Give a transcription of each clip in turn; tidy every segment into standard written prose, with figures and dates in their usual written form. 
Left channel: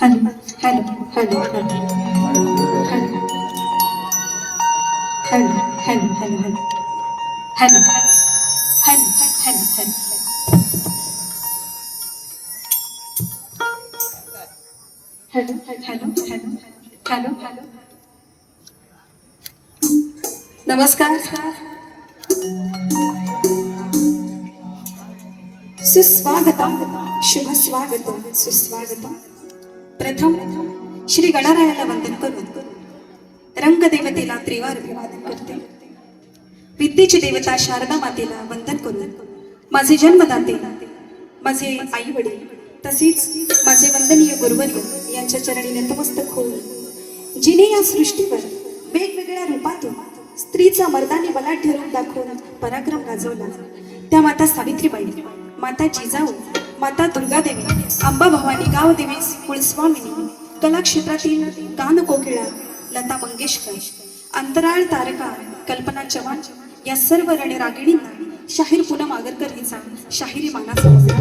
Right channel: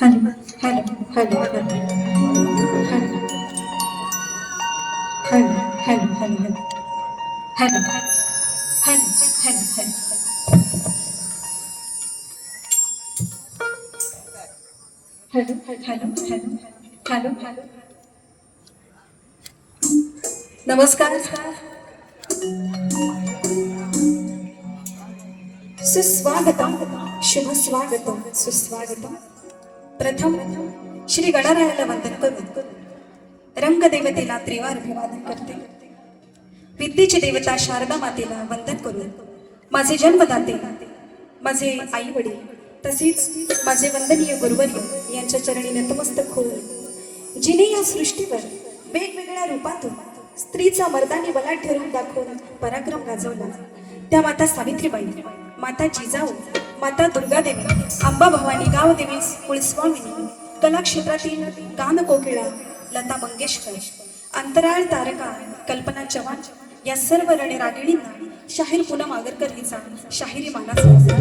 Hello hello hello hello hello hello hello hello hello hello hello. नमस्कार, सुस्वागतम, शुभ स्वागतम, सुस्वागतम. प्रथम श्री गणरायाला वंदन करून रंगदेवतेला त्रिवार अभिवादन करते. विद्येची देवता शारदा मातेला वंदन करून माझे जन्मदाते, माझे आई वडील तसेच माझे वंदनीय गुरुवर्य यांच्या चरणी नतमस्तक होऊन, जिने या सृष्टीवर वेगवेगळ्या रूपातून स्त्रीचा मर्दानी बलाढ्य रूप दाखवून पराक्रम गाजवला त्या माता सावित्रीबाई, माता जिजाऊ, माता दुर्गादेवी, अंबा भवानी, गावदेवी, कुलस्वामिनी, कलाक्षेत्रातील गानकोकिळा लता मंगेशकर, अंतराळ तारका कल्पना चव्हाण या सर्व रणरागिणींना शाहीर पूनम आगरकर हिचा शाहिरी मानाचा मुजरा.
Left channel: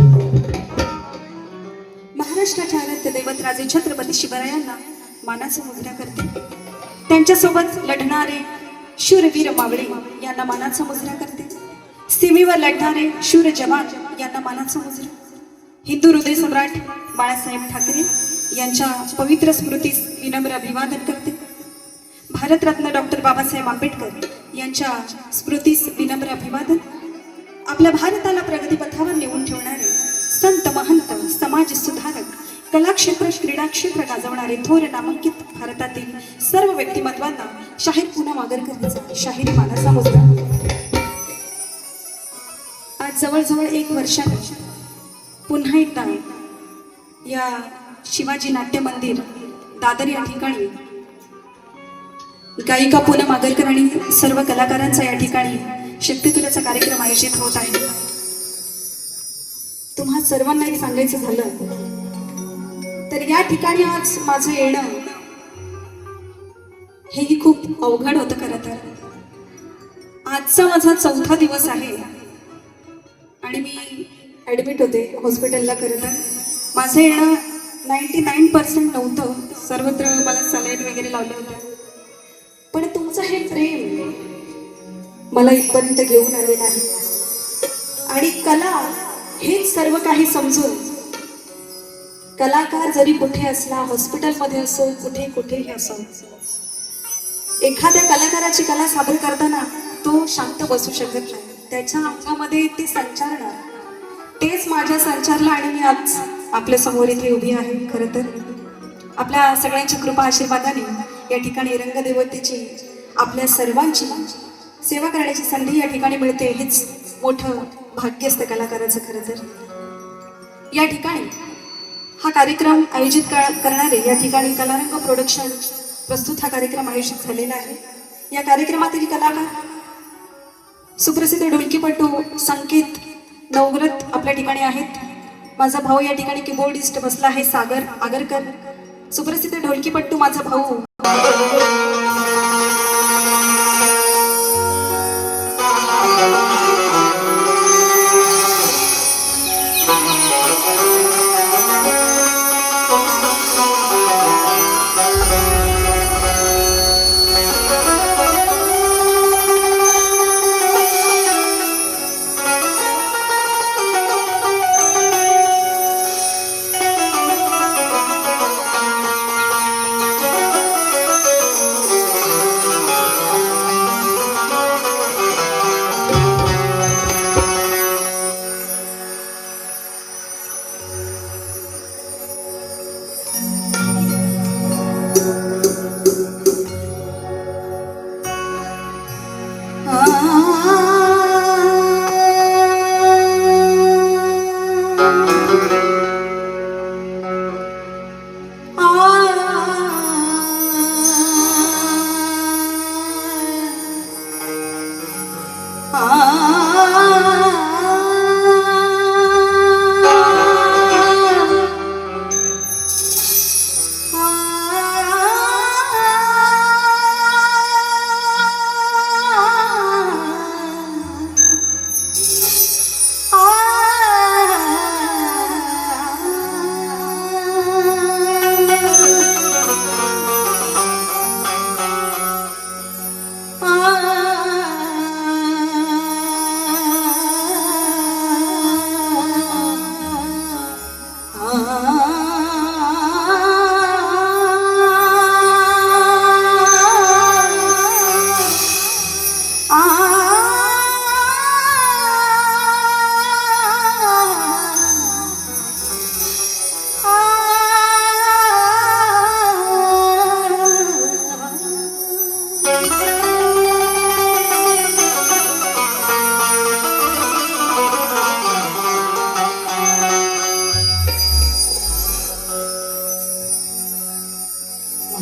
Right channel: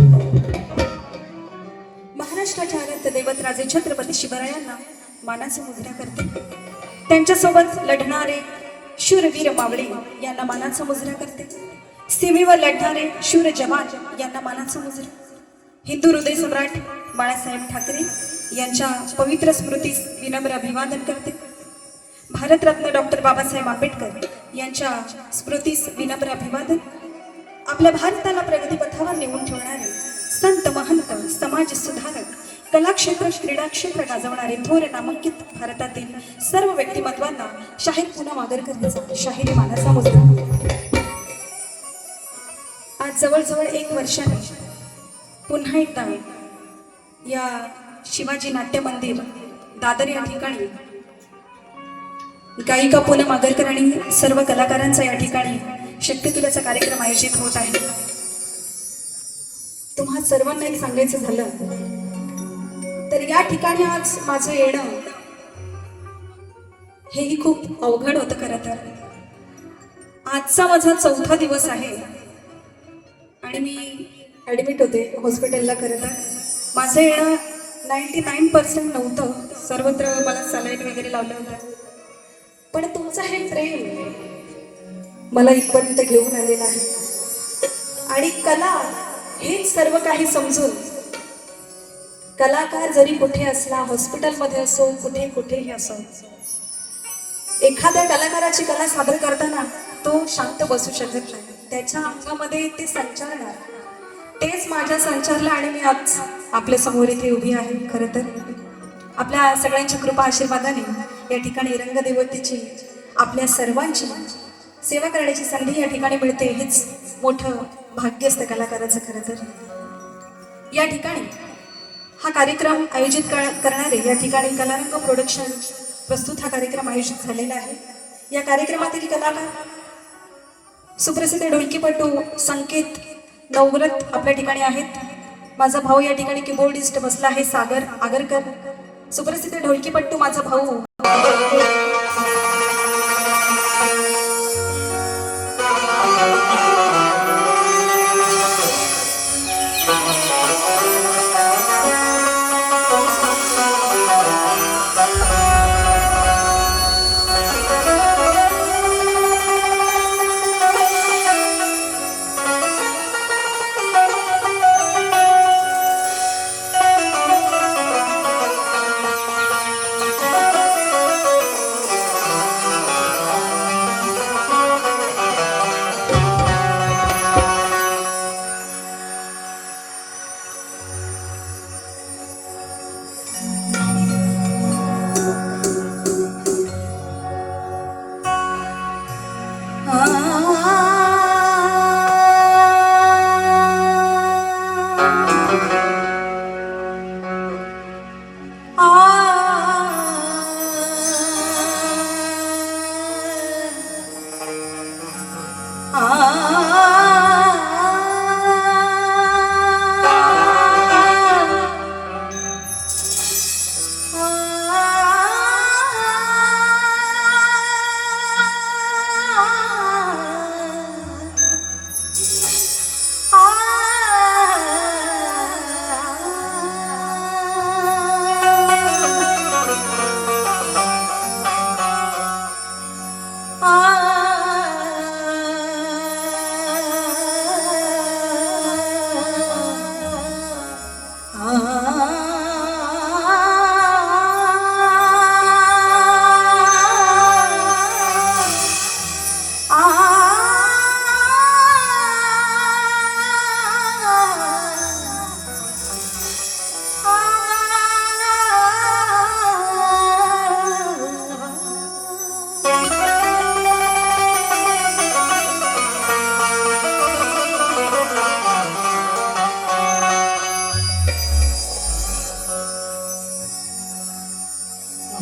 महाराष्ट्राच्या अनंत दैवत राजे छत्रपती शिवरायांना मानाचा मुजरा करते. त्यांच्यासोबत लढणारे शूरवीर मावळे यांना मानाचा मुजरा करते. सीमेवर लढणारे शूर जवान यांना मानाचा मुजरा. हिंदू हृदय सम्राट बाळासाहेब ठाकरे यांच्या पवित्र स्मृतीस विनम्र अभिवादन करते. भारतरत्न डॉक्टर बाबासाहेब आंबेडकर यांच्या स्मृतीस विनम्र अभिवादन. आपल्या भारताला प्रगतीपथावर नेऊन ठेवणारे संत महंत समाज सुधारक कला क्षेत्र क्रीडा क्षेत्र गाजवणारे थोर नामांकित भारतातील सर्व व्यक्तिमत्वांना शाहीर पूनम आगरकरचा शाहिरी मानाचा मुजरा. आज जवळजवळ 1 वर्षाने पुन्हा एकदा या शिवाजी नाट्य मंदिर दादर या ठिकाणी गायिका पूनम आगरकर आणि सर्व कलाकारांचा या ठिकाणी शक्ती तुल्याचा कार्यक्रम आयोजित होत आहे. तुम्हा सर्वांना एक सांगायचं झालं तर या ठिकाणी आज माझं येणं हेही खूप अवघड होतं. खरं तर आजचा माझा 4था दिवस आहे आणि मी ॲडमिट होते हॉस्पिटलला. खरं तर माझं येणं 99% नव्हतं. सर्वत्र मला सलाईन वगैरे लावलं होतं, पण तुमचं हे प्रेम मला इथपर्यंत घेऊन आलेलं आहे. आणि कला हेच सर्व काही समजून कलाकार जरी कुठे असला, हॉस्पिटलमध्ये असो, कुठेही असो, एखाद्या कलाकाराची कला सादर करताना तो शांत बसू शकत नाही. त्याच्या अंगामध्ये ते संचारण, तेच माझ्या संचारलं आणि मी आज आपल्या समोर इथे उभी आहे. खरं तर आपल्या सगळ्यांच्या कृपा आशीर्वादाने या ठिकाणी रंगदेवतेची आपल्या सर्वांची सेवा करण्याची संधी या ठिकाणी मिळते. हेच मोठं भाग्य असतं कलाकाराचं. खरं तर या ठिकाणी हा कार्यक्रम आयोजित करणारे या ठिकाणी कलारंग प्रोडक्शन प्रस्तुत हा कार्यक्रम आयोजित झालेला आहे. या कार्यक्रमातील कलाकार सुप्रसिद्ध ढोलकीपटू संकेत नवव्रत आपल्या ठिकाणी आहेत. माझा भाऊ या ठिकाणी कीबोर्डिस्ट बसला आहे सागर आगरकर. सुप्रसिद्ध ढोलकीपटू माझा भाऊ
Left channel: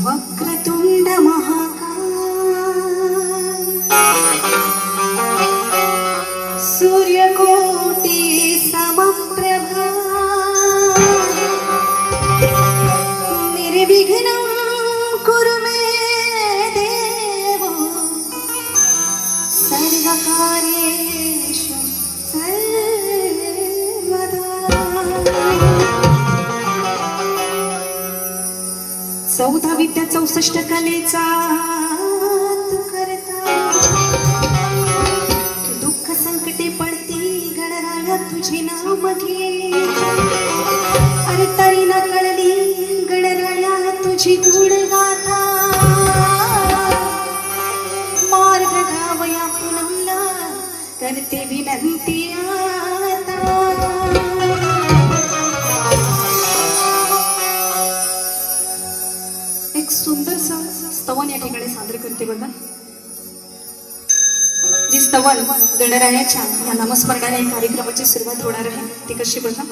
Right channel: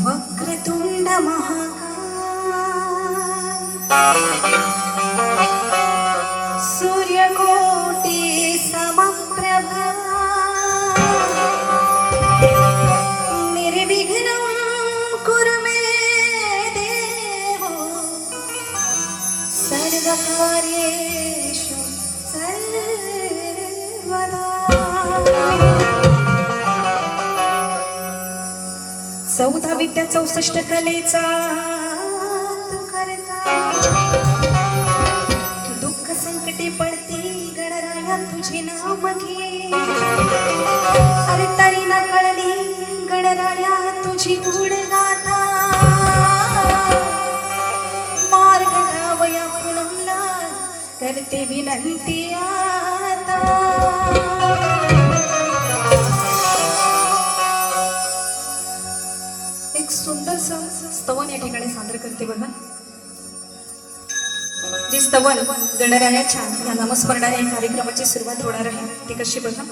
वक्रतुंड महाकाय सूर्यकोटि समप्रभा निर्विघ्नं कुरु मे देव सर्वकार्येषु सर्वदा. 14 विद्या 64 कलेचा तू करता दुःख संकट संकटे पडती गणराया तुझे नाव घे. अरे तरी न कळली गणराया तुझी गुण गाथा. मार्ग धावया पुन्हा करते विनंती आता. एक सुंदरसा स्तवन या ठिकाणी सादर करते बघा. जे स्तवन गणरायाच्या या नामस्मरणाने कार्यक्रमाची सुरुवात होणार आहे ती कशी बघा.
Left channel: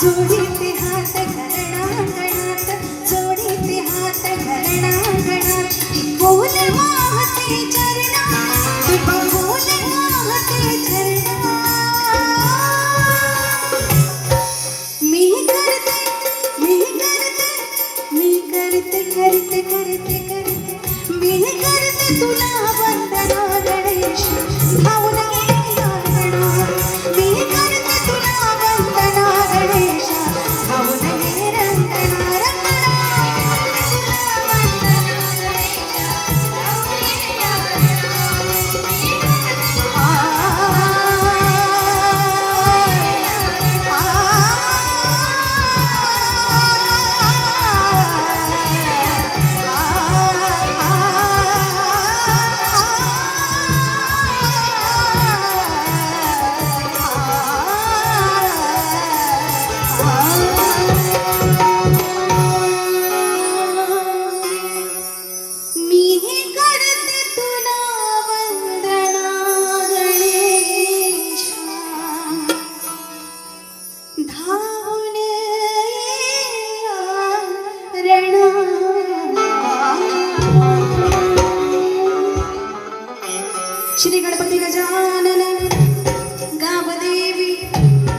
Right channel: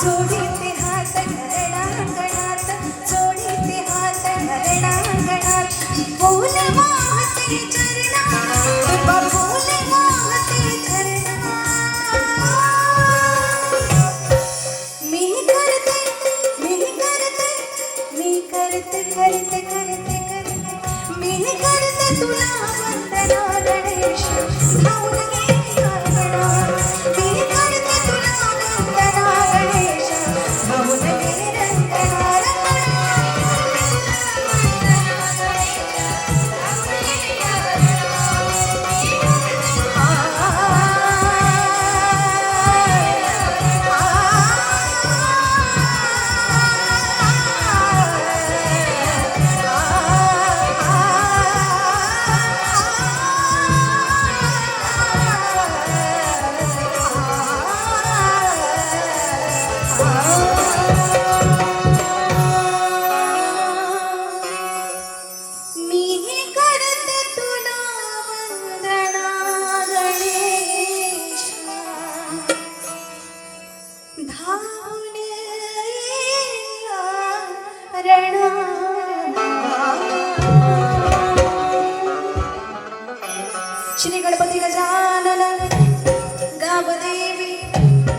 जोडीते हात घरणांगणात, जोडीते हात घरणांगणात, फूल वाहते चरणात, फूल वाहते चरणात. मी करते, मी करते, मी करते, करते, करते, करते, मी करते तुला वंदना गणेश, धावून ये अंगणात. मी करते तुला वंदना गणेश, धावून ये रंगणा, श्री गणपती गजानन गावदेवी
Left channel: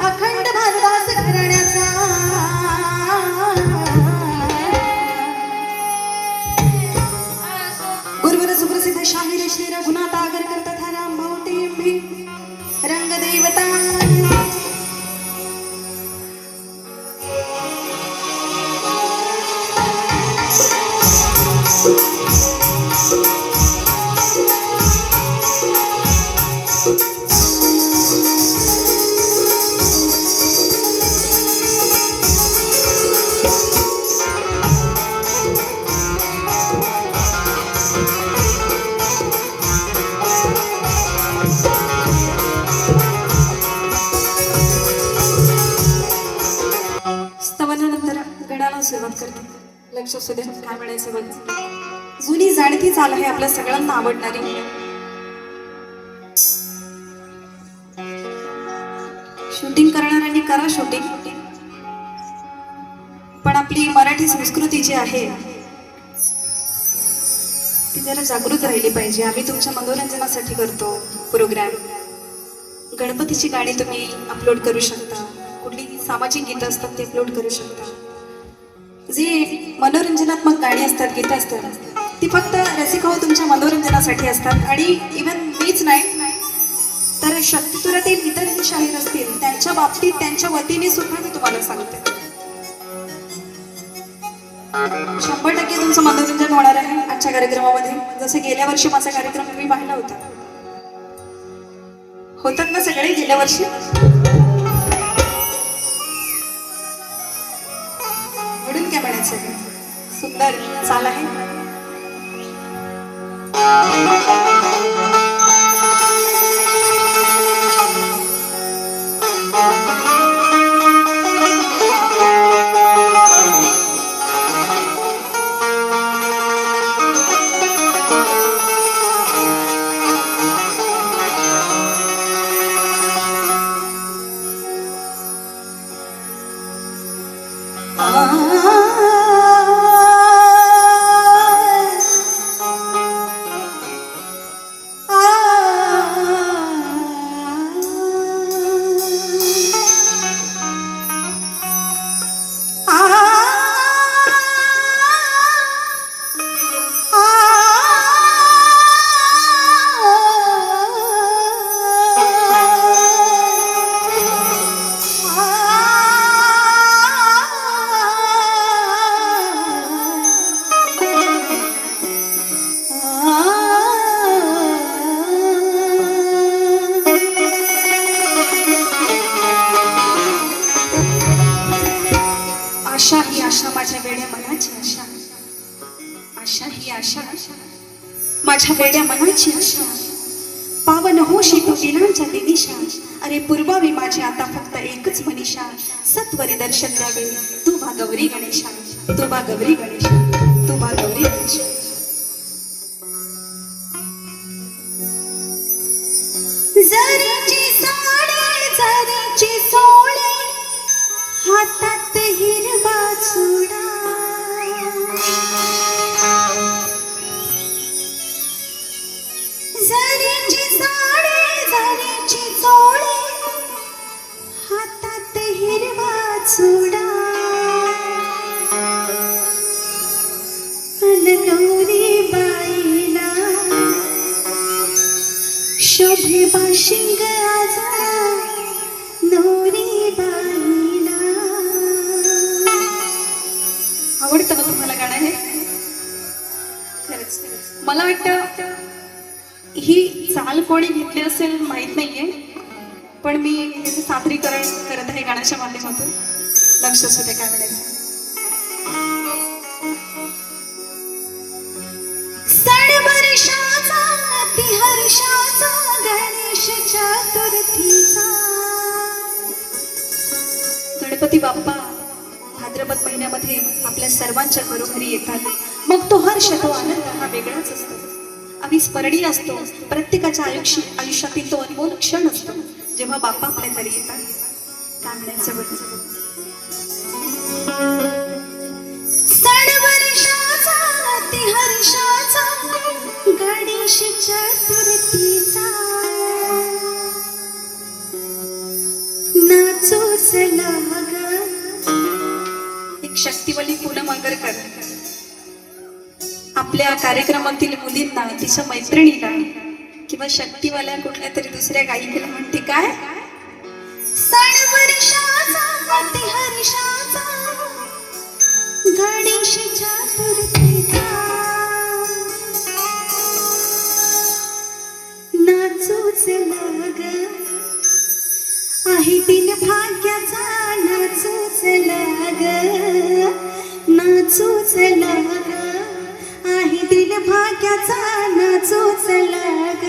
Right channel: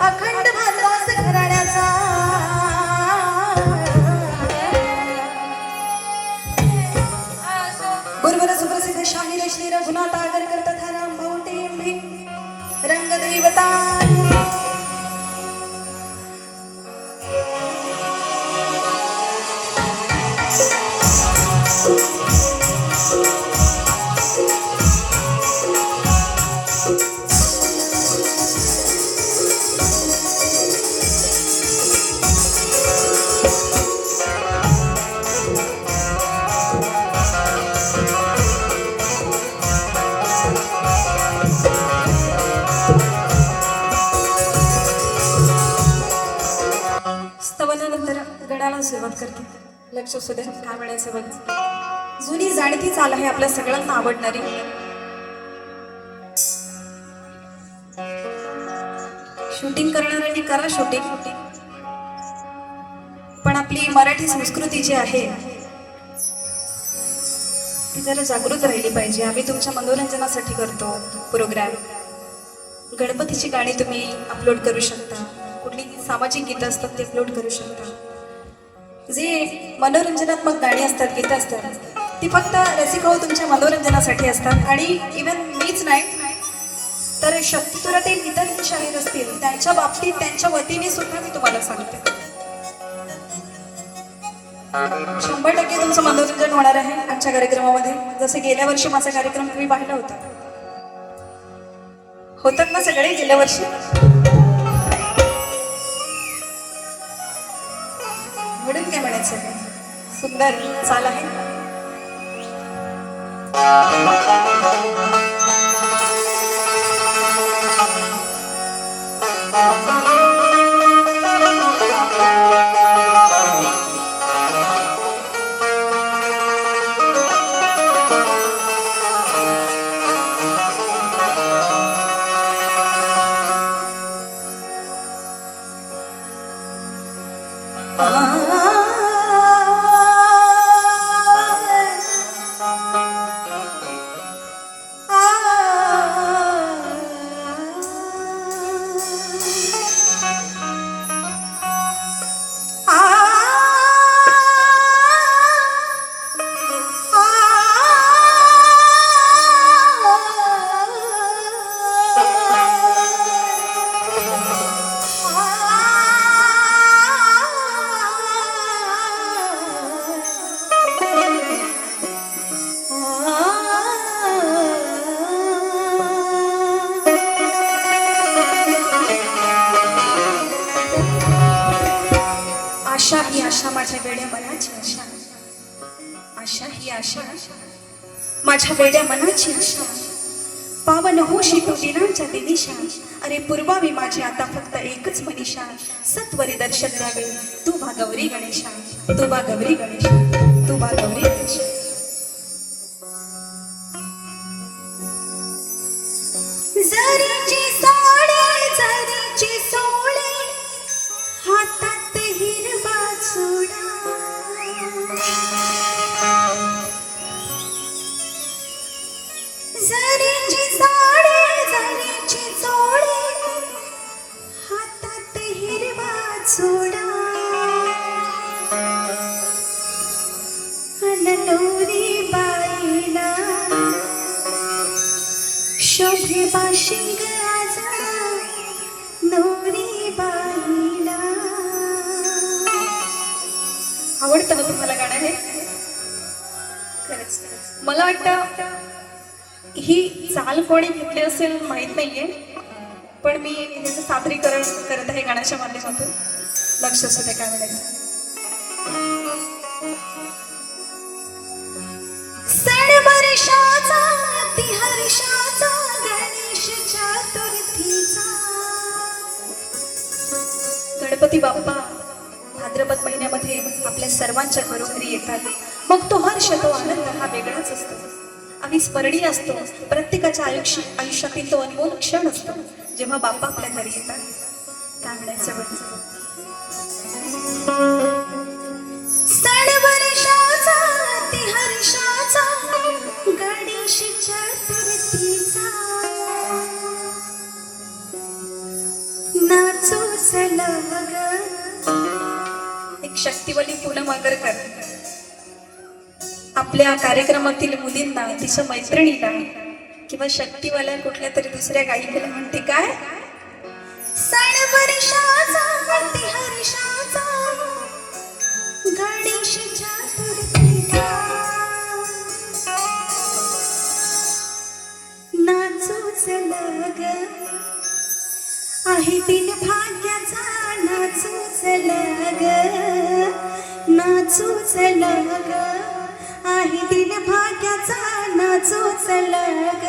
अखंड भारतवास घराण्याचा उर्वर सुप्रसिद्ध शाहीर श्री रघुनाथ आगरकर तथा राम भाऊ रंगदेवता. स्तवनानंतर गणाला सुरुवात करते. लक्ष असू द्या काय म्हणायचं बघ. जुनी जाणती चाल आहे आपल्या सगळ्यांना आवडणारी. शूटिंग करणाऱ्यांनी करा शूटिंग, पण आपली मराठी संस्कृती जी आहे ती जरा जागृत राहिली पाहिजे. आम्ही तुमच्या मनोरंजनासाठी करतो प्रोग्राम. गणपतीची गाणी तुम्ही अपलोड करू शकता, कुठली सामाजिक गीतं असतात ते अपलोड करू शकता. जे मनोरंजनात्मक गाणी असतात, गीतं असतात, ती फक्त रसिक हो तुमच्या मनोरंजनासाठी असतात. आणि इव्हन मीच नाही तर शक्तिपुरातील इतर जे शाहीर असतील त्यांच्या बाबतीत त्यांच्या वतीने सुद्धा मी तुम्हाला सांगते 100% तुमचं मनोरंजन होणार आहे आजच्या कार्यक्रमामध्ये. जसं गेल्या वर्षी माझा कार्यक्रम मी पाहिला होता. होतात ना सगळे गेल्या वर्षी. म्हणून काय म्हणायचं, सुंदर चाल आहे. आशा ही आशा माझ्या वेड्या मनाची आशा, आशा ही आशा माझ्या वेड्या मनाची आशा, पावन होशी तू दिनांच्या दिनिशा. अरे पूर्वावी माझी आता फक्त एकच मनीषा, सत्वरी दर्शन द्यावे तू बा गौरी गणेशा, तू बा गौरी गणेशा, तू बा गौरी गणेशा. जरीची साडी जरीची सोळी हात पायाची चोळी, हातात हिरवा चुडा, नटोरी बाईला शोभे बाशिंग आजा नवरी बाईला. आवडतं ना तुम्हाला गाणं हे? खरंच मला वाटतं ही चाल कोणी घेतली असेल माहित नाहीये, पण मी याचं सादरीकरण करत आहे गाण्याच्या माध्यमातून. लक्ष असू दे काय म्हणायचं. सण वर्षाचा ती हर्षाचा गणेश चतुर्थीचा. गणपती बाप्पा भाद्रपद महिन्यामध्ये आपल्या सर्वांच्या घरोघरी येतात. मग तो हर्ष, तो आनंद हा वेगळाच असतो, अविस्मरणीय असतो. प्रत्येकाच्या आयुष्यातील तो अनमोल क्षण असतो जेव्हा बाप्पा आपल्या घरी येतात. काय म्हणायचं बरं? सण वर्षाचा ती हर्षाचा गणेश चतुर्थीचा. नाचू चला ग. एक शक्तिवली पूनम आगरकर आपल्या कार्यक्रमातील मुलींना, तिच्या मैत्रिणीला किंवा शक्तीवाल्या कुठल्या तरी दुसऱ्या गायिकेला म्हणते काय, सण वर्षाचा ती हर्षाचा गणेश चतुर्थीचा. नाचूच लग आहे दिन भाग्याचा. नाचूच लग, नाचूच लग आहे दिन भाग्याचा. नाचूच लग.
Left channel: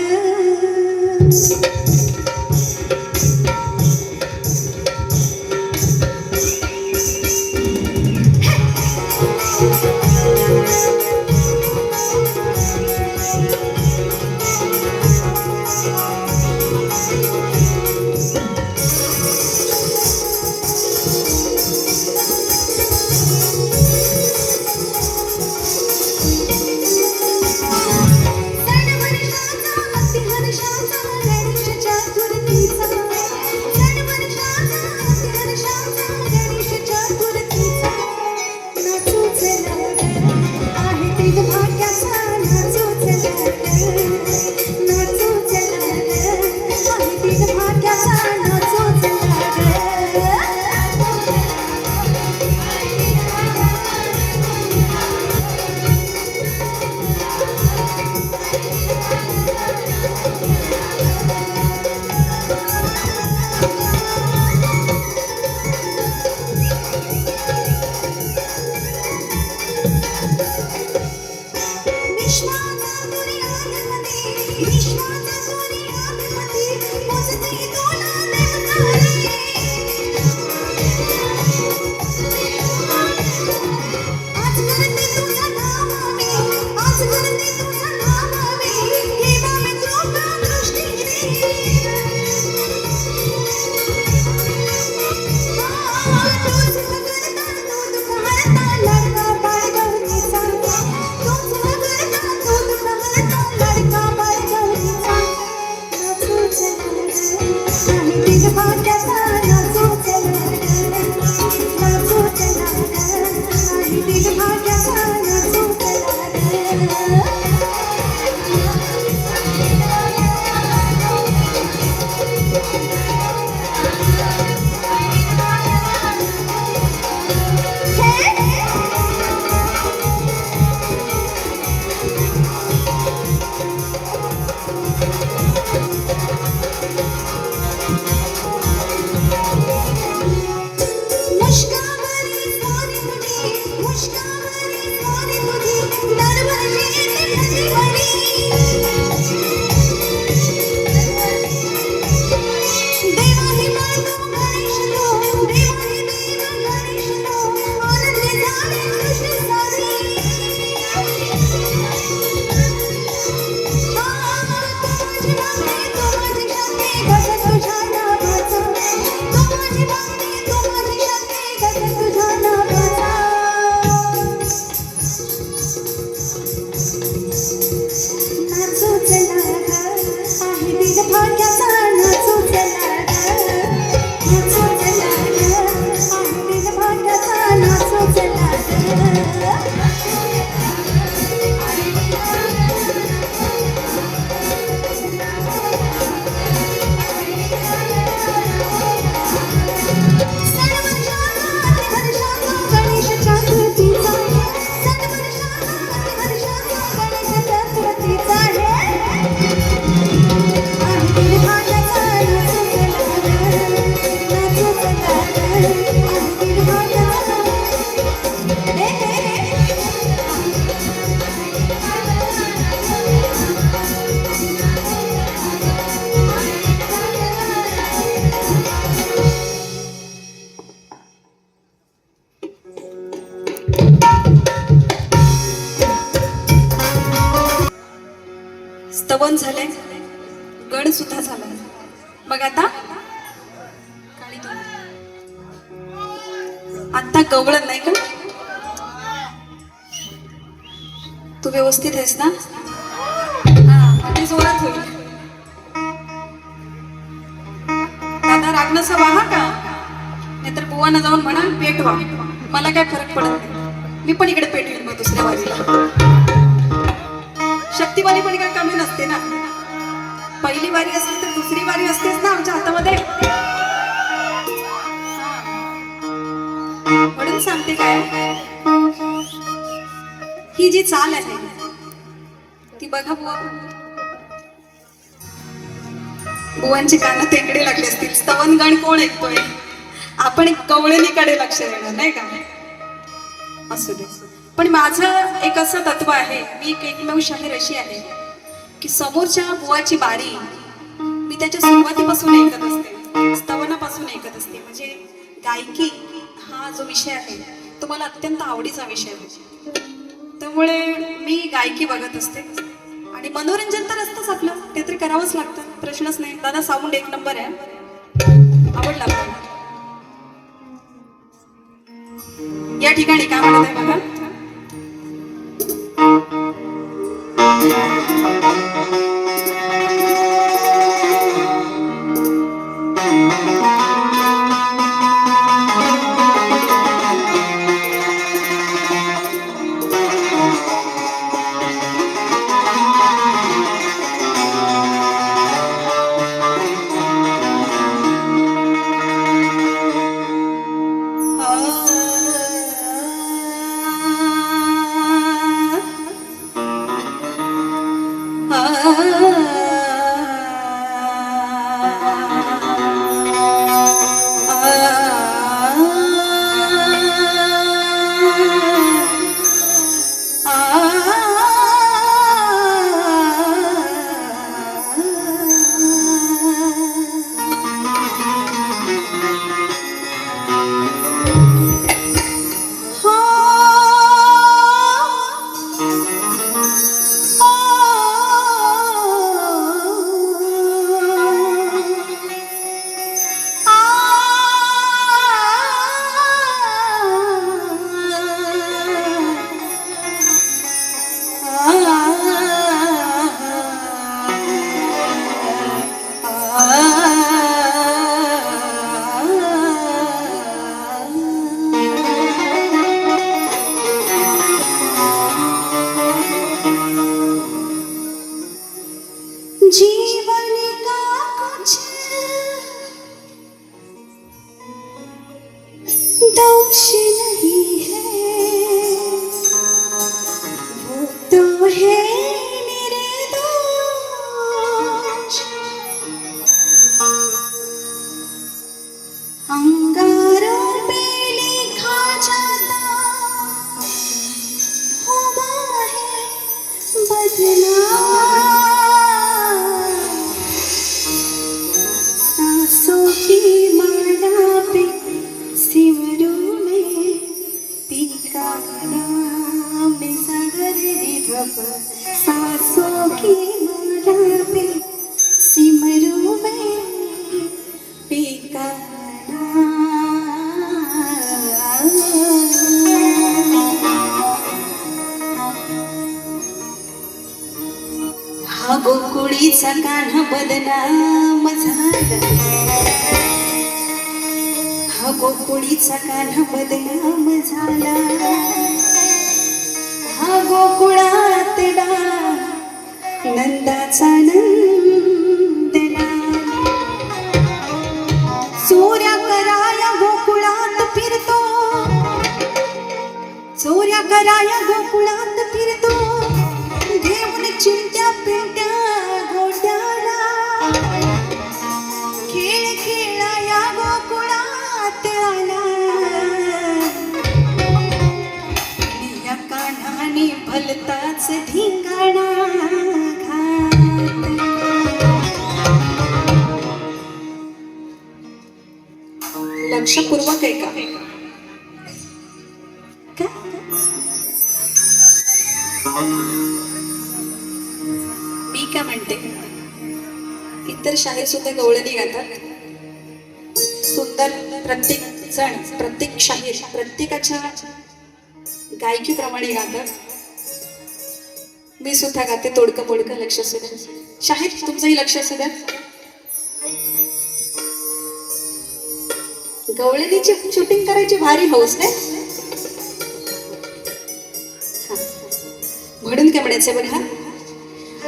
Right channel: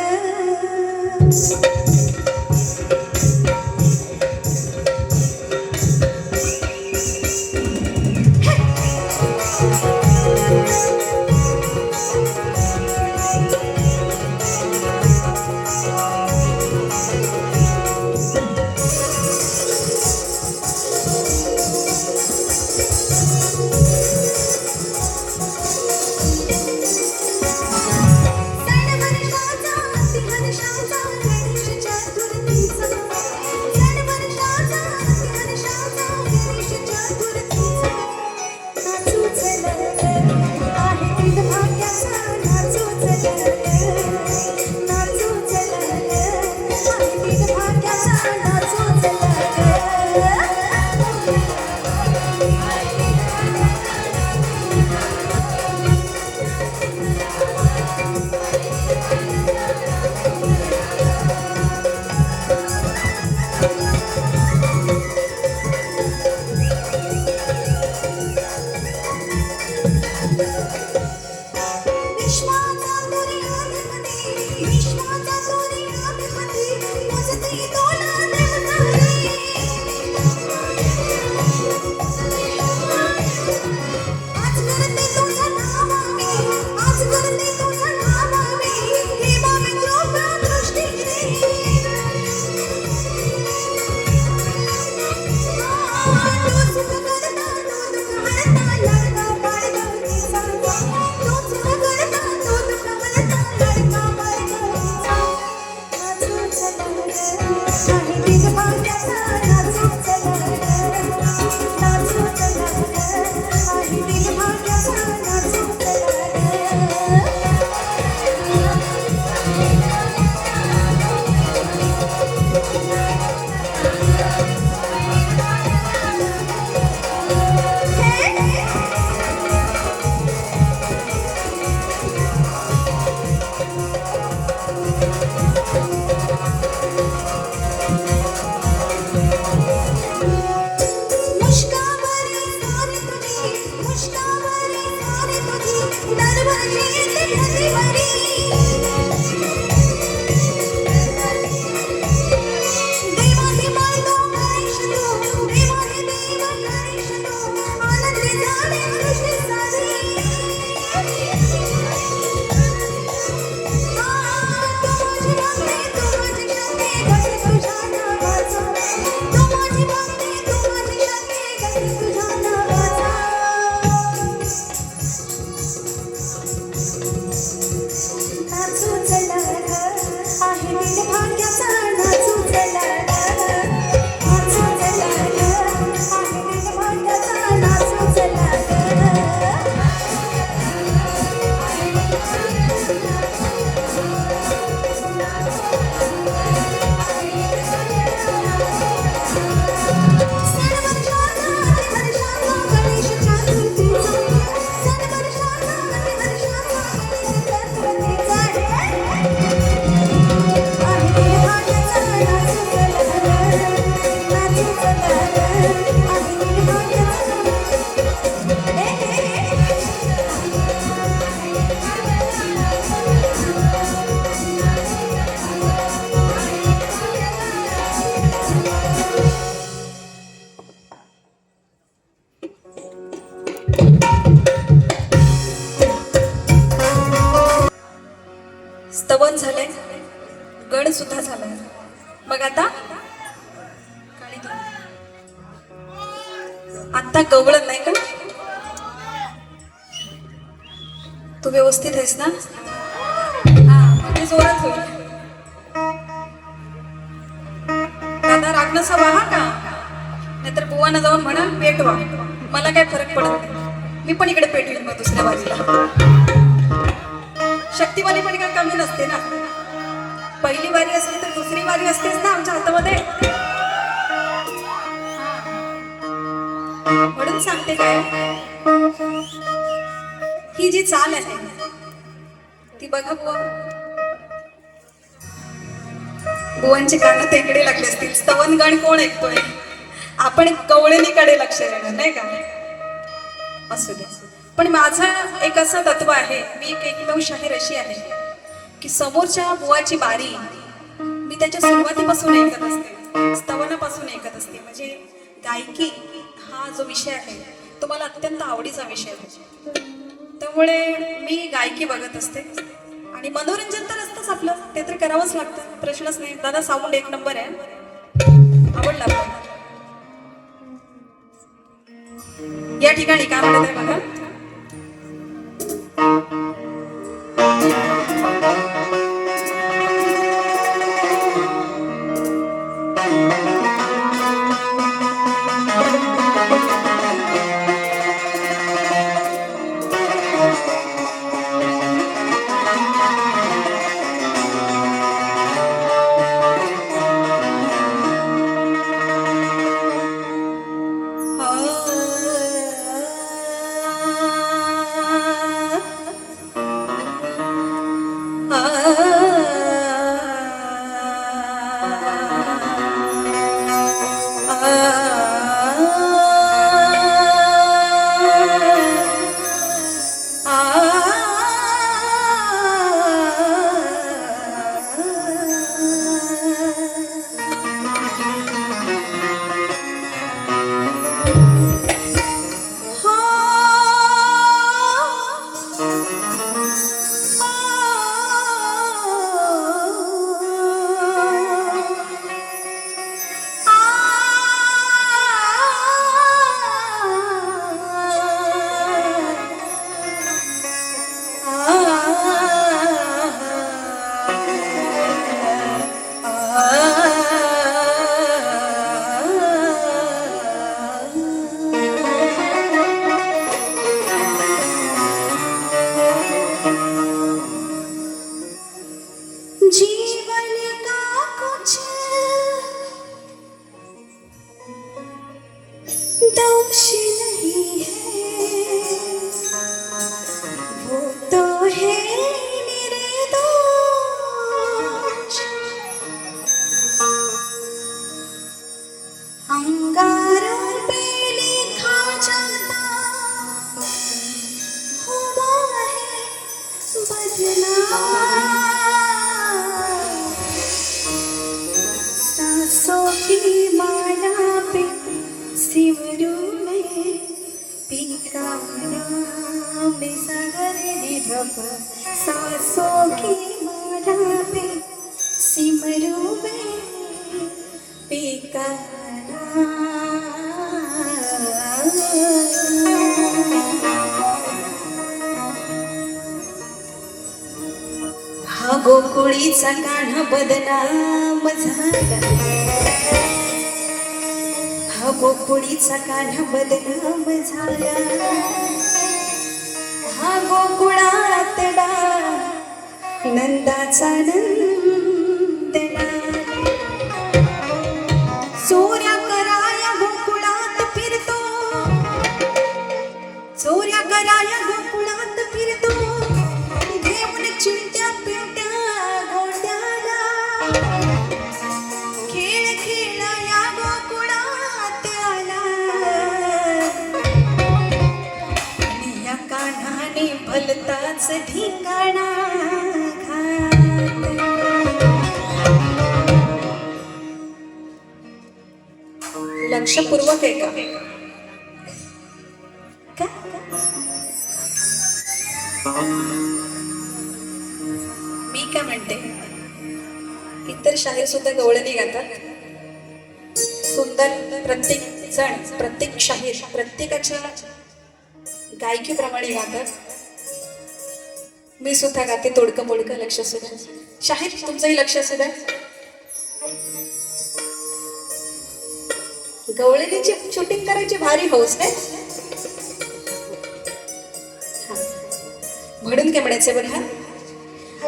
बघ आता कवळत नाही का? तू व्यवस्थित आहेस ना? ते जोरात होईल. दादा राग नसा वाहा का, नाहीतर बुवाना जाऊन म्हणा पेटवा. मला काय फरक पडत नाही, मी पण इकडे पेटवीन मग दुसऱ्या वारीला. शक्तीवाली पण काय कमी नसते ना. पहिली वारी असली तर दुसरी वारी असतेच ना आमच्या हातामध्ये. म्हणून सांगते काय, ही जी चाल आहे ती बघा बुवा. बुवांचे कान तेकडे लागले असतील. स्तवनगण कोण ऐकतोय? आपण कवळणीकडे लक्ष देणार नाही का? असू दे. पण माझं एक असं तत्व आहे, मी एक एकमेव शाहीर अशी आहे की समोरच्या बुवाची बारी मी त्याच्या सुरुवातीपासून ऐकत असते, स्तवनापासून ऐकत असते. म्हणजे गायकी हा जो विषय आहे तो मला अत्यंत आवडीचा विषय आहे. त्यामुळे मी गायकी बघत असते आणि मनोरंजन तर असतंच आपलं, ते तरी करावंच लागतं, प्रश्नच नाही. दादा साऊंड एक नंबर आहे, आवडला आपल्याला. या ठिकाणी काय म्हणत आहे बघा. दोष नहीं है, वो तो है मेरे दोष। अंगारों पे लिखा जाता हुआ है बदनाम, सांसों की माला पे सिमरू में पीका नाम सागर निरप, सांसों की माला पे सिमरू में पीका हा गोकुळीचा कान्हा बदनाम झाला, हा गोकुळीचा कान्हा बदनाम झाला, हा गोकुळातला नंदाचा नंदना, चोऱ्या कराया गोकुळात फिरतो, चोऱ्या कराया गोकुळात फिरतो, घेऊन चिंट्या पिंट्या घोट्याला, खेळ खेळाया गोकुळात आला, या कान्हाने भलताच ठिकाणा घातला. लक्षपूर्वक आहे का? मी काय म्हणते, इतर शाहीर सुद्धा गवळणी गातात. सुंदर प्रत्येक जण प्रत्येक शाहीर प्रत्येकाच्या गायकीप्रमाणे गातात. मी सुद्धा गाते तोडकं मोडकं. लक्ष असू द्या शाहीर, तुमचंही लक्ष असू द्या. गवळणीची शूटिंग करायची भारी हौस आहे. म्हणून काय म्हणायचं बघा.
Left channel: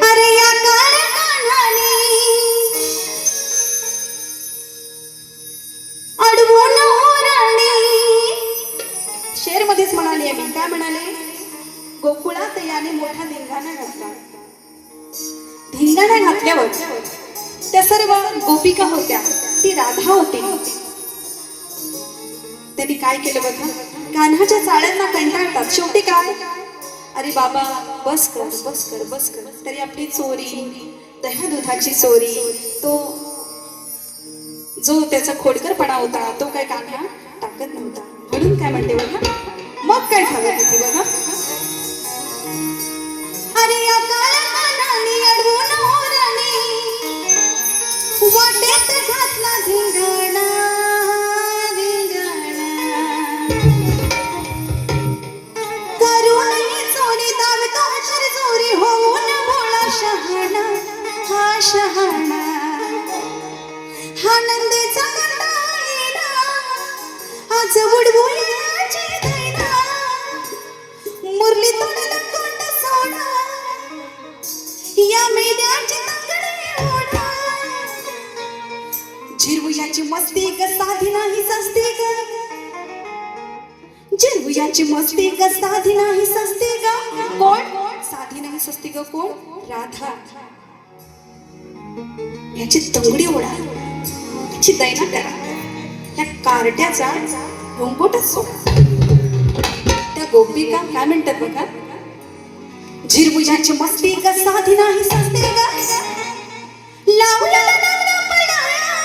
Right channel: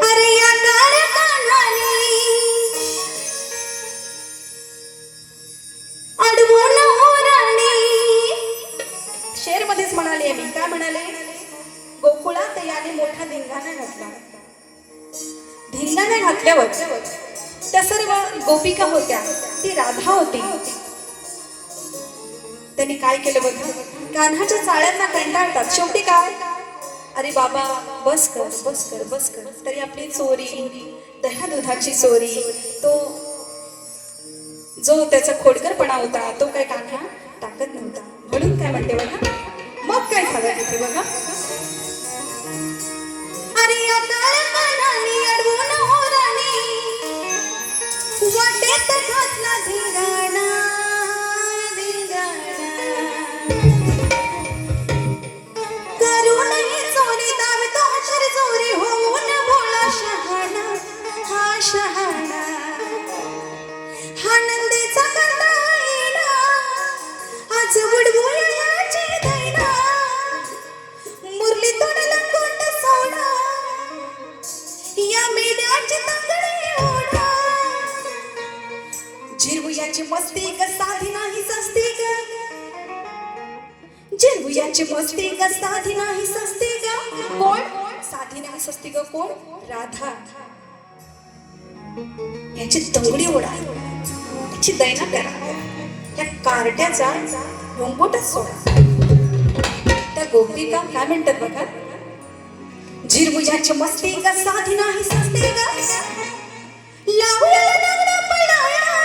अरे या काळ्या मानाने अडवून ओराणे. शेर मध्येच म्हणाले मी. काय म्हणाले? गोकुळात याने मोठा धिंगाणा घातला. धिंगाणा घातल्यावर त्या सर्व गोपिका होत्या. ती राधा होती. त्यांनी काय केलं बघा. कान्हाच्या चाळ्यांना कंटाळतात. शेवटी काय, अरे बाबा बस कर बस कर बस कर. तरी आपली चोरी, दह्या दुधाची चोरी, तो जो त्याचा खोडकरपणा होता तो काय कान्हा टाकत नव्हता. म्हणून काय म्हणते बघा. मग काय झालं तिथे बघा. अरे या काळ्या अडवून ओराणे वाटेत घातला धिंगाणा. आनंदेचा कंटाळा आज बुडबुड्याची दैना. मुरली तोंडाला तोंड सोडा या मेल्याची तंगडी ओढा. झिरवुयाची मस्ती ग साधी नाही सस्ती ग. झिरवुयाची मस्ती ग साधी नाही सस्ती ग. कोण साधी नाही सस्ती ग? कोण? राधा. याची तंगडी ओढा, याची दैना करा. त्या कार्ट्याचा घोंगोटच सोडा. त्या गोपिका काय म्हणतात बघा. झिरवुयाची मस्ती ग साधी नाही सस्ती ग. लावलेला नवरा पडाळा.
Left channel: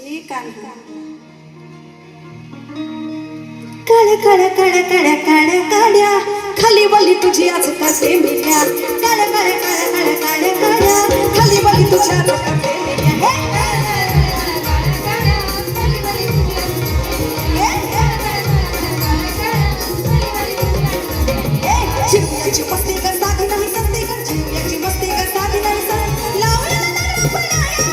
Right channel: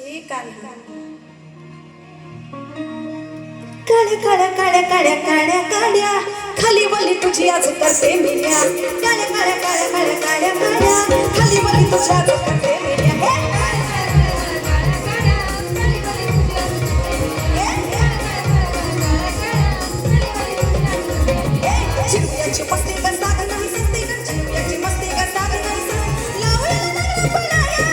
हे कान्हा काळ्या काळ्या काळ्या काळ्या काळ्या काळ्या खाली वाली तुझी आज कसे मिळ्या. काळ्या काळ्या काळ्या काळ्या काळ्या काळ्या खाली वाली तुझी आज कसे मिळ्या. झिरवुयाची मस्ती ग साधी नाही सस्ती ग. झिरवुयाची मस्ती ग साधी नाही सस्ती. लावलेला नवरा पडाळा.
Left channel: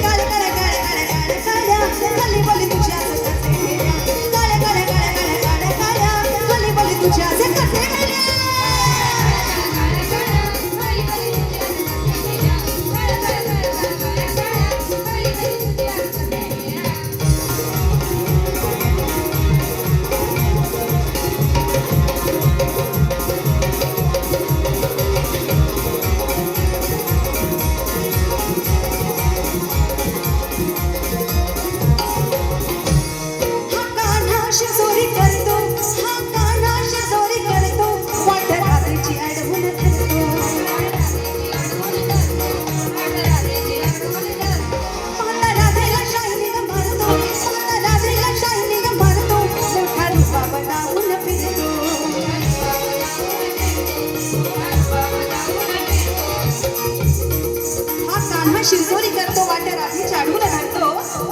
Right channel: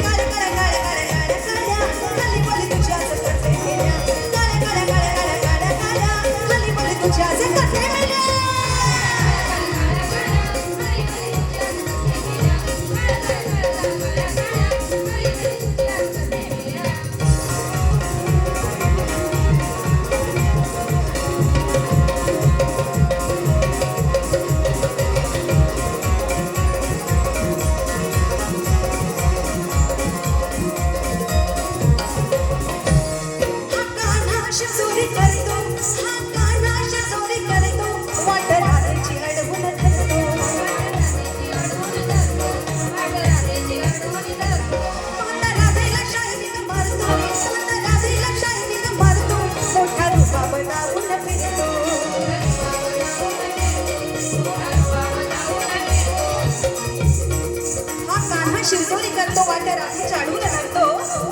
काळ्या काळ्या काळ्या काळ्या काळ्या काळ्या खाली वाली तुझी आज कसे मिळ्या. काळ्या काळ्या काळ्या काळ्या काळ्या काळ्या खाली वाली तुझी आज कसे मिळ्या. शिरजोरी करतो वाट्या राधी चाडून घालतो.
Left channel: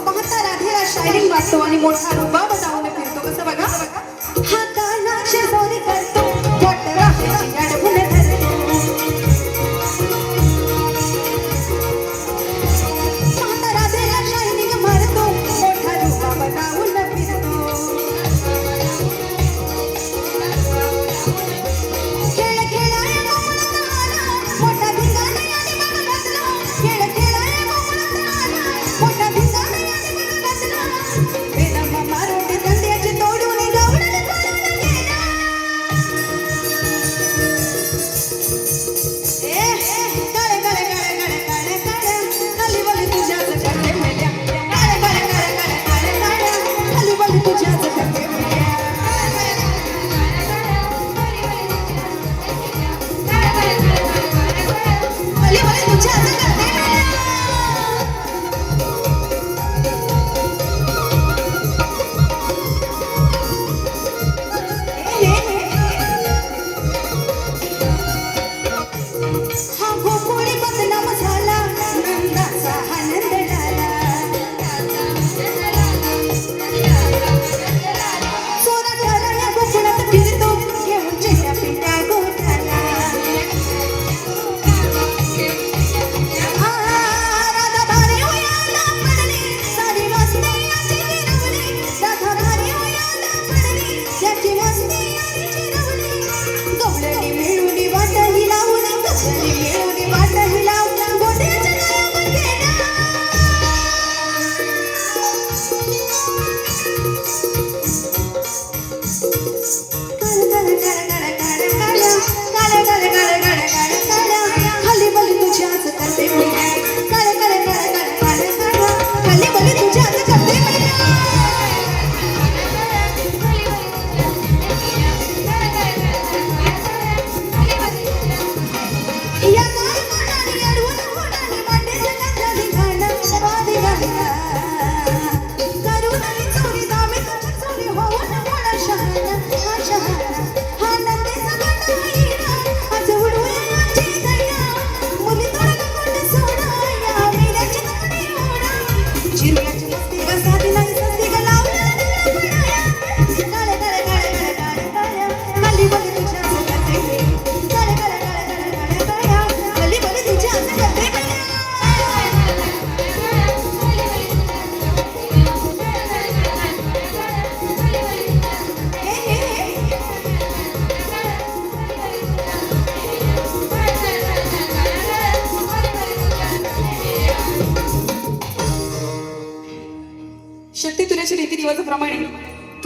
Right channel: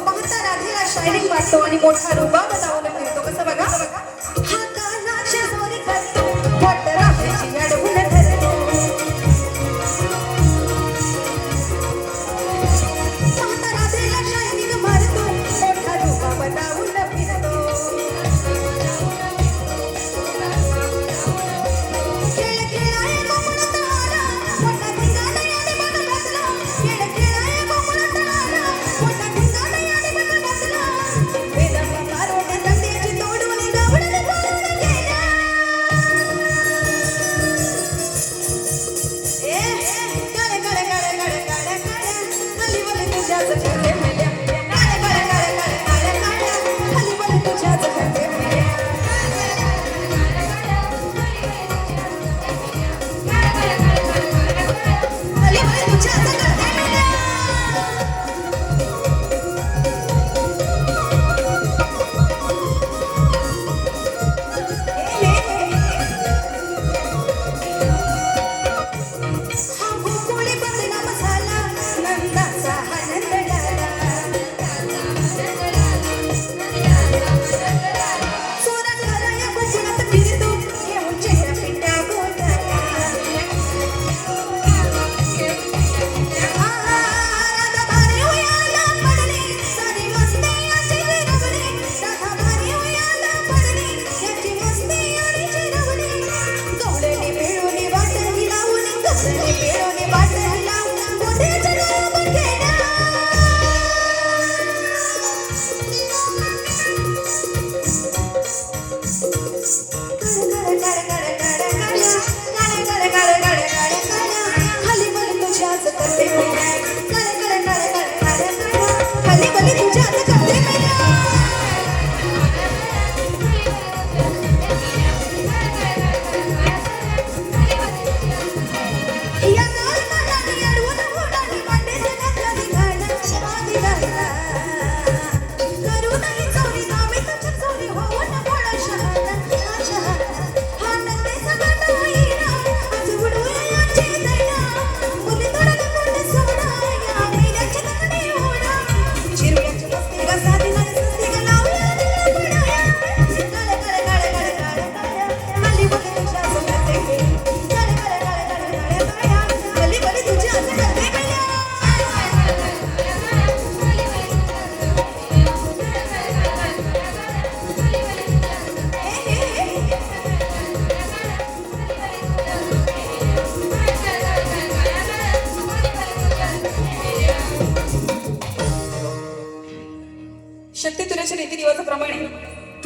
पाहता राधेला शायरिंग वाटतो आणि मोठा रुबाब लावून फिरतो. कसं बघा. हा कान्हा शिरजोरी करतो वाट्या राधेची अडवून धरतो. पाहता राधेला शायरिंग मारतो. मोठा रुबाब लावून फिरतो. खेळ खेळाय मोठा धिंगाणे आणि बघ बसलो. खेळ खेळाय मोठा धिंगाणे आणि बघ बसलो. वेदांना मारून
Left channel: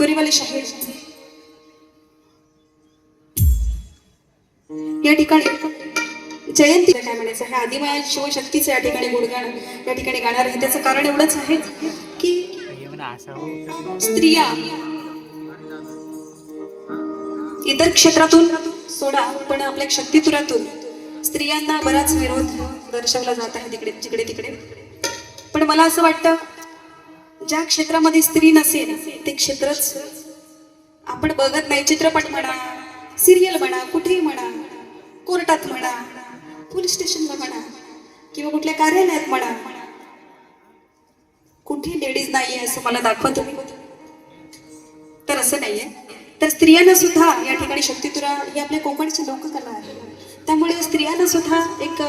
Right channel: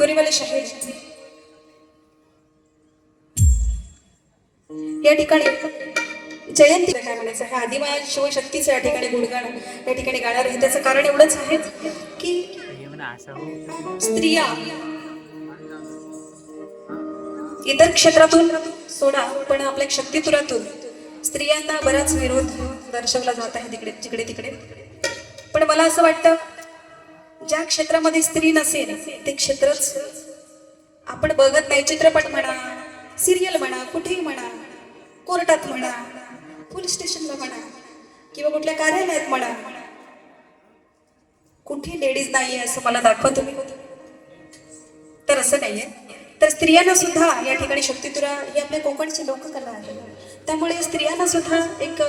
तुरीवाले शाहीर या ठिकाणी जयंती काय म्हणायचं आहे, आदिमाया शिवशक्तीचं या ठिकाणी गुणगान या ठिकाणी गाणार आहे. त्याचं कारण एवढंच आहे की स्त्रिया इतर क्षेत्रातून सोडा, पण आपल्या शक्तितुरातून स्त्रियांना बराच विरोध दर्शवला जात आहे तिकडे तिकडे. पण मला असं वाटतं, ज्या क्षेत्रामध्ये स्त्री नसेल ते क्षेत्रच आपण बघत नाही. चित्रपट म्हणा, सिरियल म्हणा, कुठेही म्हणा, कोर्टात म्हणा, पोलीस स्टेशनला म्हणा, किंवा कुठल्या कार्यालयात म्हणा, कुठे लेडीज नाहीये असं मला दाखवा तुम्ही. तर असं नाहीये. तर स्त्रियांना सुद्धा या ठिकाणी शक्तितुरा ही आपल्या कोकणची लोककला आहे. त्यामुळे स्त्रियांना सुद्धा एक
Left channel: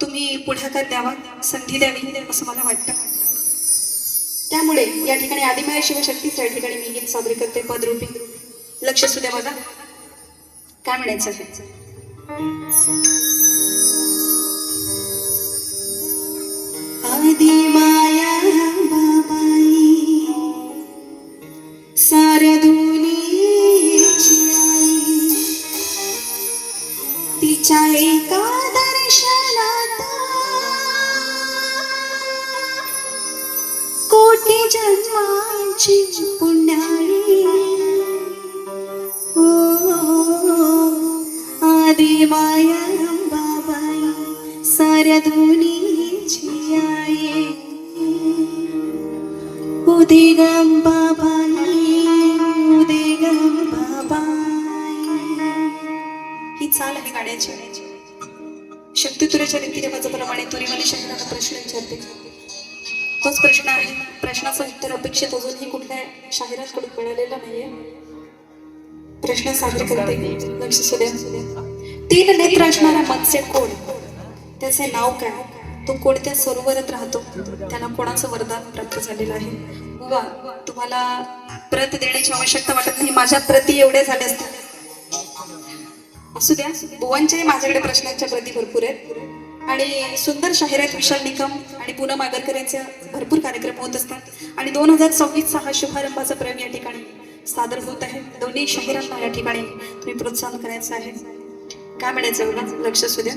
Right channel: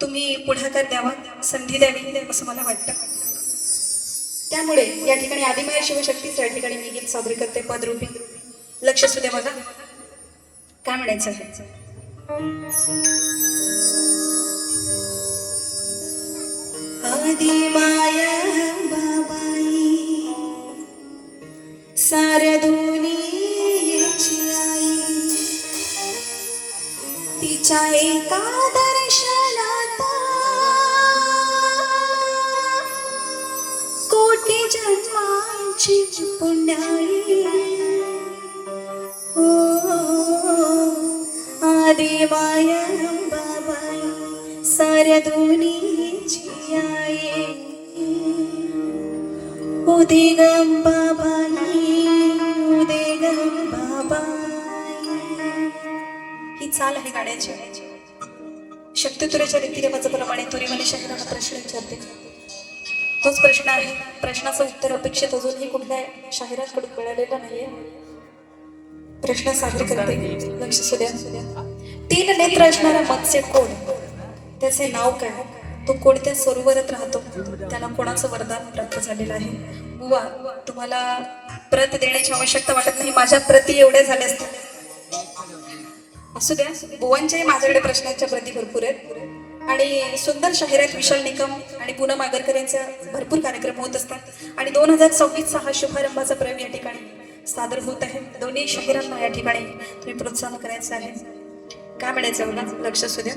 तुम्ही पुढाकार द्यावा, संधी द्यावी असं मला वाटतं. त्यामुळे या ठिकाणी आदिमाया शिवशक्तीचं या ठिकाणी मी गीत सादर करते पदरूपी. लक्ष असू द्या मला काय म्हणायचं आहे. आदिमाया बाबाई साऱ्या दुनियेची आई, तिच्या एका दर्शनात कोटी जन्मांची पुण्याई. आदिमाया बाबाई साऱ्या दुनियेची आई, उदे गं बाबाई, उदे गं बाबाई. ही चाल आहे गाण्याची. शक्तितुरेच्या रीतिरिवाजाप्रमाणे तुरीवाले शहराला प्रश्न विचारते. तोच प्रश्न आहे. प्रश्नाचं उत्तर अपेक्षित अजूनही कुठल्या शाहिरांकडून मिळालेलं नाहीये. प्रश्न सादर करते. लक्ष असू द्या. 3 नेत्र असणारा मत्स्य कोण, त्याचे नाव काय, तो कोणत्या सरोवरात राहतो, त्याला कोणाचं वरदान प्राप्त झालेलं आहे. बुवा, तुम्हाला प्रत देण्याची आवश्यकता वाटत नाही, माझ्या प्रती एवढ्या झाल्या असतात. असू द्या, बुवांच्याही माझ्याकडे प्रश्नांच्या प्रती भरपूर आहेत. आणि सुंदर शाहिरात विशाल निकम आणि पूनम आगरकर यांचे भरपूर कार्यक्रम होत असतात. आणि 2026चा हा शुभारंभाचा प्रयोग या ठिकाणी सादर होत आहे. दोन्ही शाहिरांना या ठिकाणी तुम्ही प्रोत्साहन करायचं आहे. काय म्हणायचं बघा, लक्ष असू द्या.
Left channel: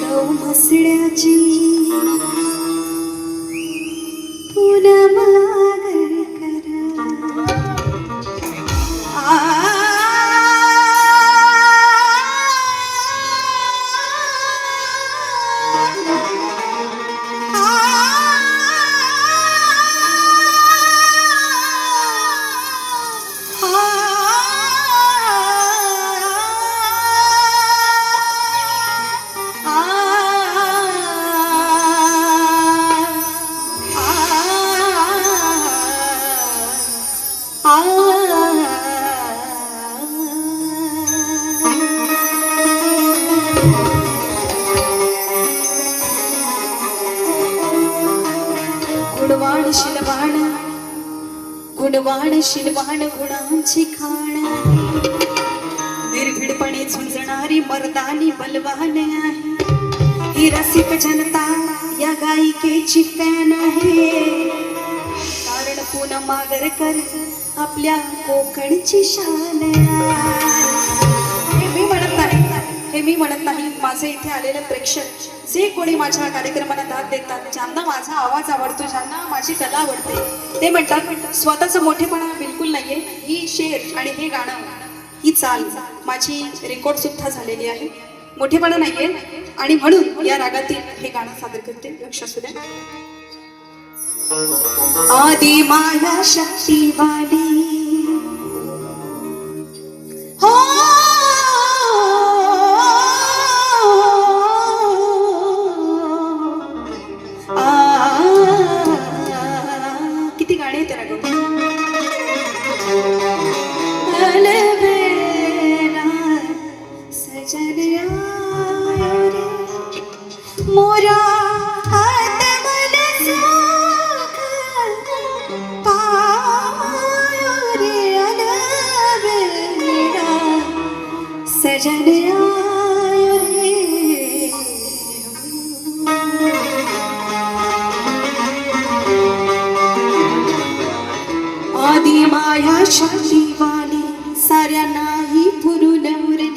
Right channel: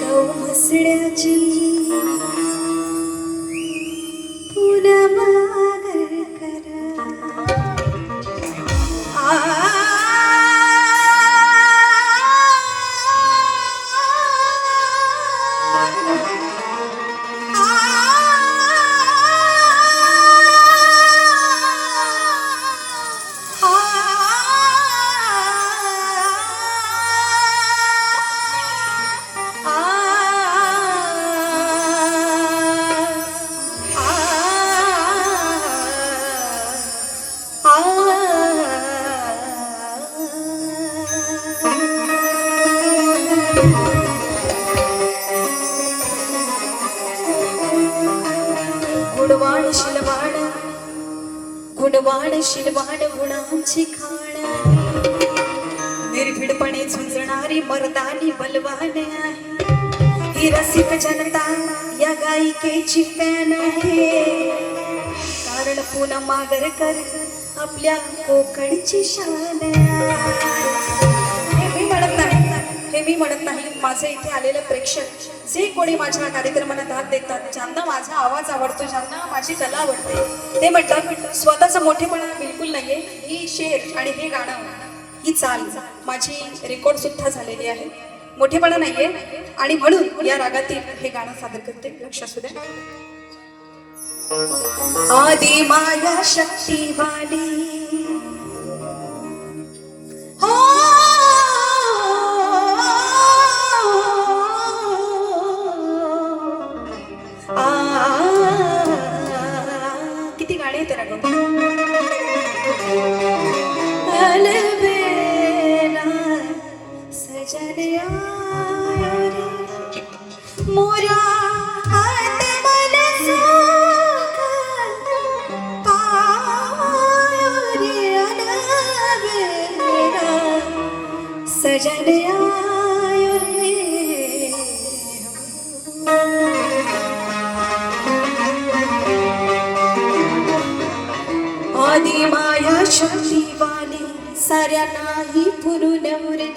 गाव म्हसड्याची पूनम आगरकर, गुणवाण शिलवाण गुणांची खाण, निर्भीडपणे झुंजणारी मर्दानी बलवान आहे. ही रसिक जनता या गायिकेची फॅन आहे. कारण पूनम आगरकर आपल्या कोकणची शान आहे. हे मी म्हणत नाही, माझे इथे आलेले प्रेक्षक जे कोणी माझ्या कार्यक्रमाला दाद देतात, ज्यांना माझा आवाज आवडतो, ज्यांना माझी कला आवडते, ते म्हणतात स्वतःचा मोठेपणा बिलकुल नाहीये. ही शेर आणि हे गाणं, ही चाल माझी रेकॉर्ड सुद्धा झालेली आहे. मोठेपणा नाहीये आणि म्हणून या रागातील हे गाणं सादर करते. लक्ष असू द्या. आदि माया शक्तिवादी हो, किती गाणे येते राग सजन मोरा हात सजन आयो रे आदि माया शक्तिवाणी साऱ्या नाही पुरून उरली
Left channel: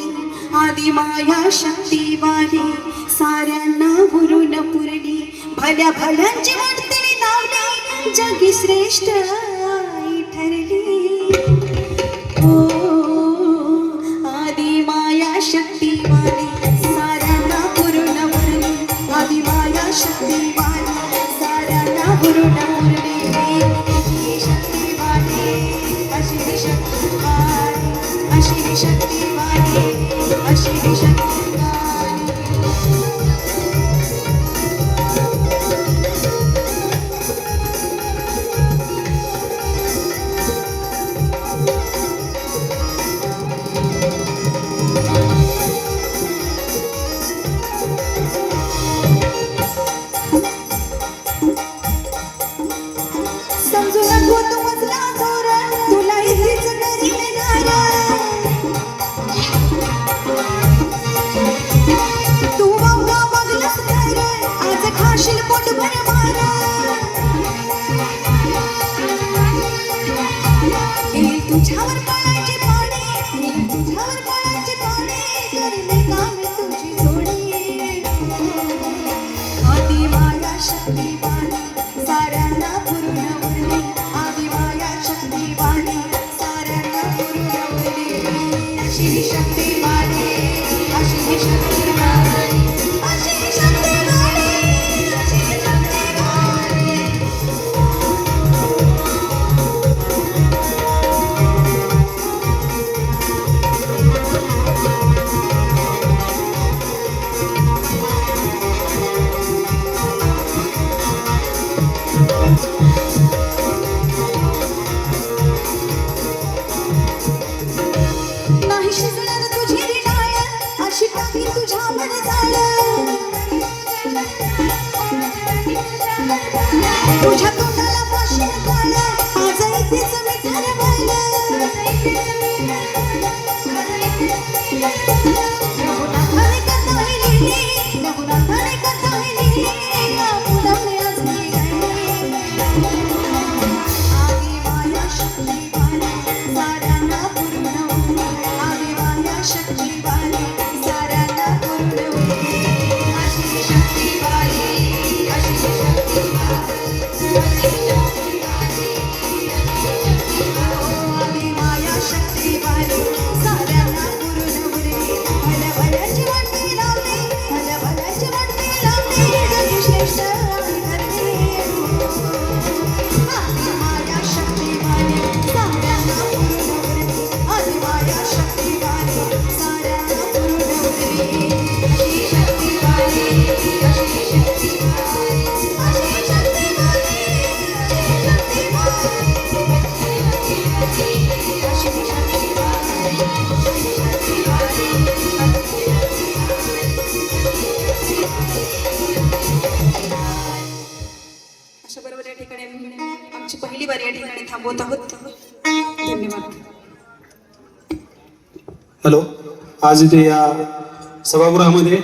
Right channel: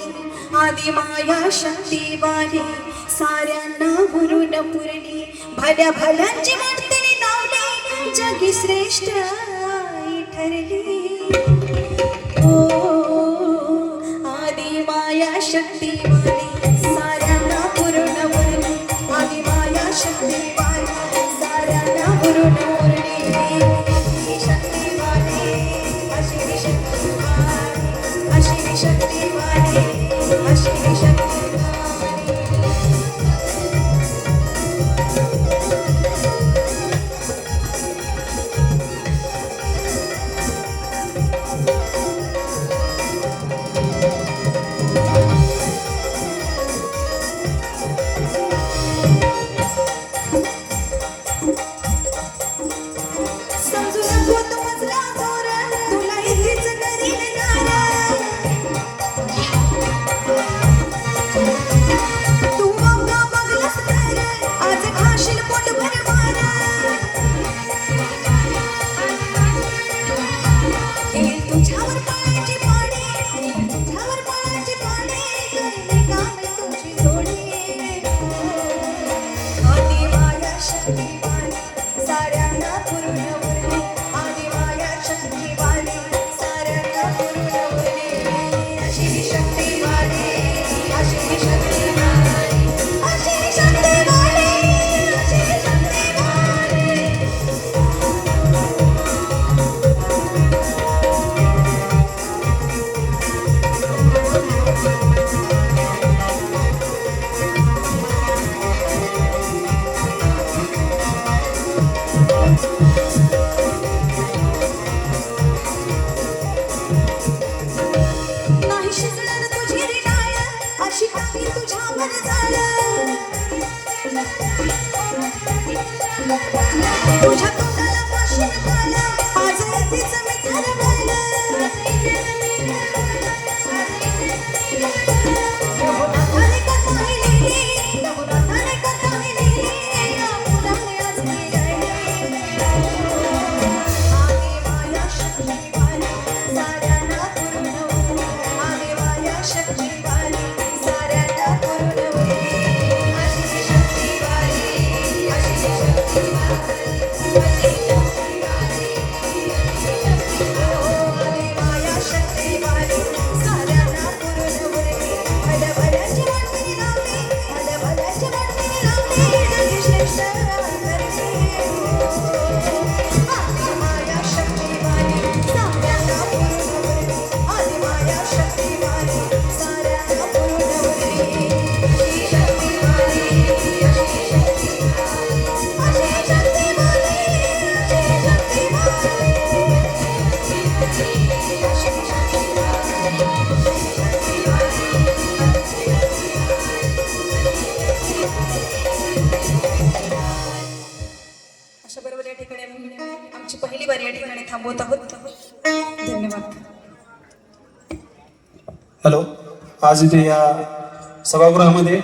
आदि माया शक्तिवाणी साऱ्यांना पुरून पुरली भल्या भल्यांची वाटते नावली जगी श्रेष्ठ आई ठरली ओ आदि माया शक्तिवाणी साऱ्यांना पुरून उरली आदि माया शक्तिवाणी साऱ्यांना पुरून उरली शक्तिवाणी अशी शक्तिवाणी अशी शक्तिवाणी अशी शक्तिवाणी समजू नको तू मजला धोरण तुला इथेच घरी येणार तू बघा बघलास तर आज खाशील पोटभर मार तुझ्यावर पडायची पाणी तुझ्यावर पडायची पाणी करले काम तुझी जोडी आदि माया शक्तिवाणी साऱ्यांना पूर्ण उरली आदि माया शक्तिवाणी साऱ्यांना पूर्ण उरली अशी शक्तिवाणी अशी शक्तिवाणी अशी शक्तिवाणी अशी शक्तिवाणी नाही शिजणार तुझी रिडाळ अशी टाकली तुझ्यावर जाळ तुझ्या तोंडाला पाशी काळ आज इथेच मी ठरवलं रघुनाथाने कथा लिहिली रघुनाथाने कथा लिहिली आनंदाने आज मी गायली आदि माया शक्तिवाणी साऱ्यांना पूर्ण उरली आदि माया शक्तिवाणी साऱ्यांना पूर्ण उरली अशी शक्तिवाणी अशी शक्तिवाणी आदि माया शक्तिवाणी साऱ्यांना पूर्ण उरली भल्या भल्याची वाटणी लावली भल्या भल्याची वाटणी लावली जगी श्रेष्ठ करली आदि माया शक्तिवाणी साऱ्यांना पूर्ण उरली आदि माया शक्तिवाणी साऱ्यांना पूर्ण उरली अशी शक्तिवाणी अशी शक्तिवाणी अशी शक्तिवाणी अशा बरोबर या ठिकाणी आमची पहिली वारी या ठिकाणी थांबवत आहोत धन्यवाद हॅलो आज इथे या सभागृहामध्ये